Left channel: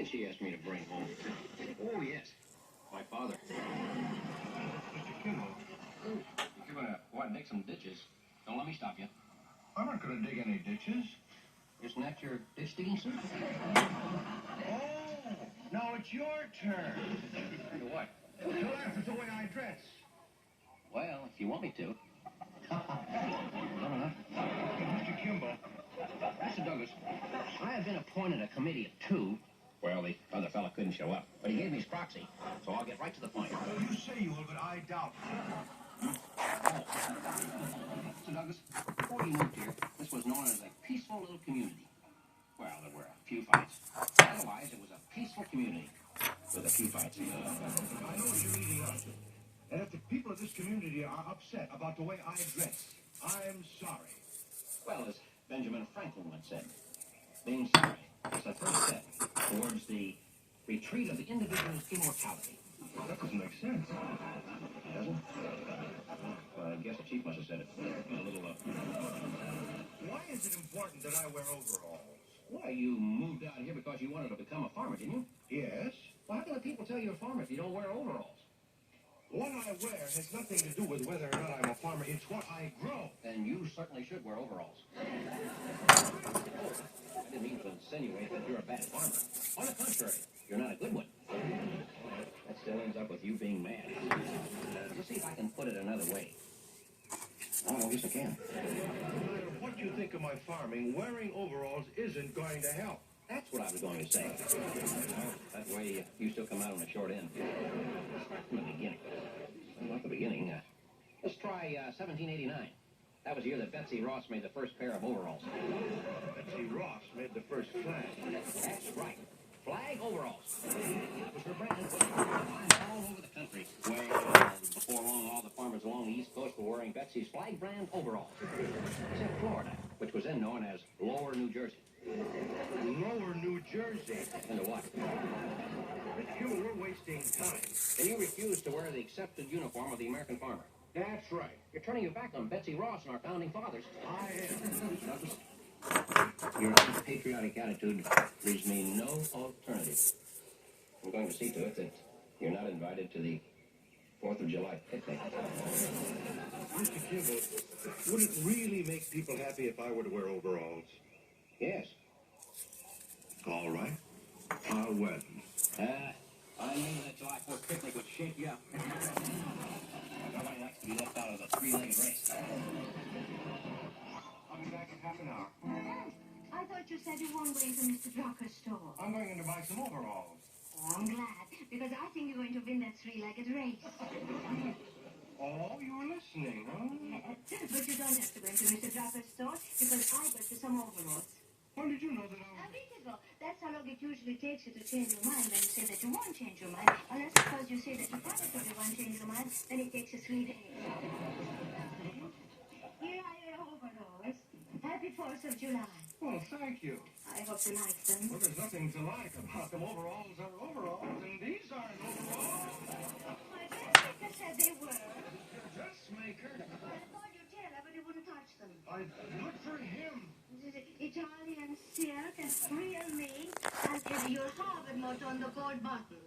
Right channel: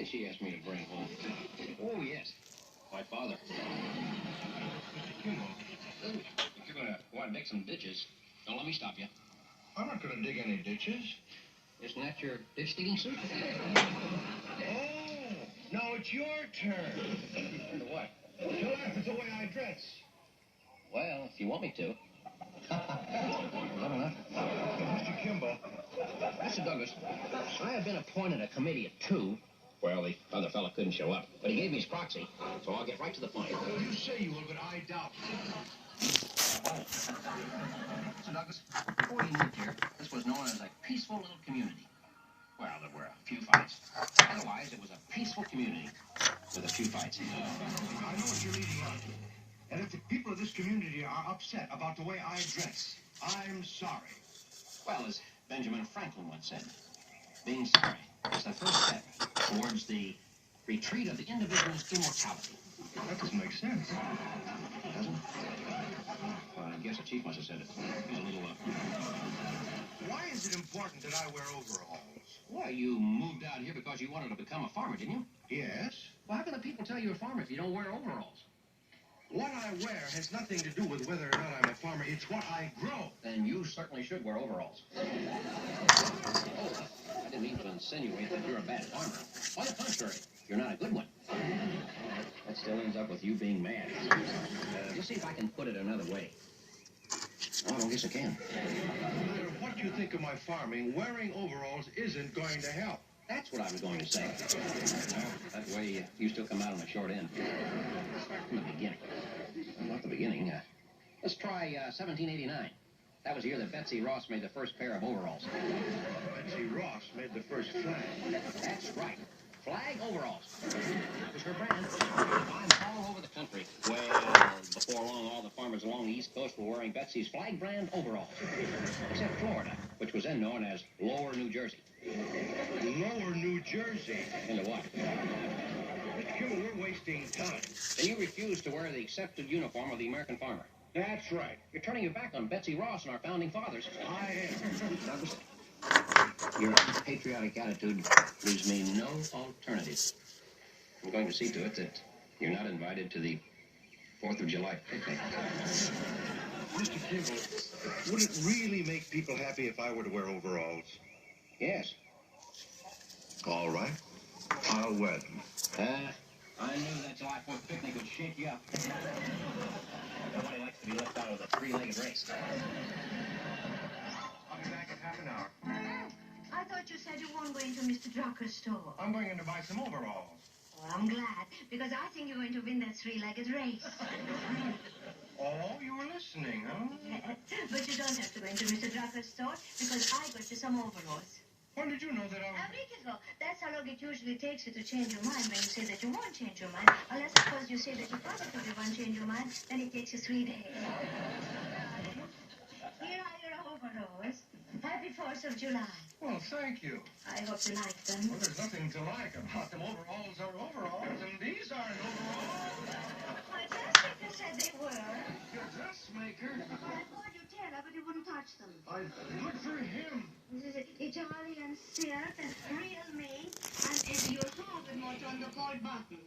did she ask me to bring home? Oh, yes. My father. Mr. Kimball. If you're going to go out and dig some ditches, don't let me stop you. I'm not going to dig any ditches. Isn't that your ditch digging suit? Oh, now it's your turn. To what? To laugh at the way I dress. Well, if you want me to. I don't know. Mr. Kimball. Mr. Douglas, I have been appointed a committee of two. Well, the other fella couldn't show up, but he gave me his proxy, so I'll get right to the point. Well, you say you will, but I doubt it. Mr. Douglas, before we moved here, this was known as a peaceful little community. Well, there were a few fights. Otherwise, it was a peaceful community with a few fights. I know what you're leading up to. And if the people of this community are upset about the way I dress, I'm sorry. Well, as Benjamin Franklin once said, being sorry is the first step towards the retreat of the individual's immortality. That doesn't make sense. Doesn't? Well, I guess the chief must have said it. He's a little, Why is it important that I wear overalls? Why, you moved out here because you wanted to become a farmer, didn't you? Yes. Well, how can the people tell you're a farmer if you don't wear overalls? What I wear has nothing to do with whether or not I'm a farmer. It's what I grow. Then you certainly should wear overalls. Oh, I didn't mean to insinuate that you're a bad farmer. On the contrary, you're not a good one. That still ends up with you being mad. Let's see if I can put it another way. Oh, I don't guess I can. No matter what you think of my farming, wearing overalls isn't going to help. That's what I was going to say. That way, you still come out on the short end. From the beginning. Well, not the beginning. Let's try 1789. That was the year that Betsy Ross made the first pair of overalls. Betsy Ross made the first flag. That's right. Flag overalls. That was her brand. I'm all over the country. Well, before long, all the farmers along the East Coast were wearing Betsy's flag brand overalls. Except Florida, which was then known as Lower New Jersey. Lower New Jersey. Into what? Mr. Kimball, we're wasting time. And you refuse to wear the accepted uniform of the American farmer. That's right. You're turning your back on Betsy Ross and our founding fathers. I am. Douglas, your patriotic attitude leaves me no alternative. I'm going to see to it that you're not invited to the 4th of July picnic. Mr. Kimball, would it really make people happy if I were to wear overalls? Yes. All right. I'll wear them. I knew that July 4th picnic would shake you up. Nobody likes to be left out of the three-legged race. I'll be back in half an hour. I thought you said you weren't going to Mr. Drucker's store. I'm going in to buy some overalls. Oh, I'm glad, because I think you're going to win that three-legged race. Oh, you were listening, huh? Yes, but you don't have to go into Mr. Drucker's store, because I got you some overalls. When did you know that I was... A week ago. That's how long it usually takes you to change your mind when you say that you won't change your mind. Unless, of course, you say that you probably won't change your mind, then it takes you 3 days. Here are your overalls. Happy 4th of July. Well, thank you. I hope you like them. Well, there's nothing to like about them. Overalls are overalls, and these aren't overalls. My dressmaker said they were. Your dressmaker? I thought you'd tell her, but you wouldn't touch them. Good for him. This is Italian silk and real made, and your target motto on the gold button.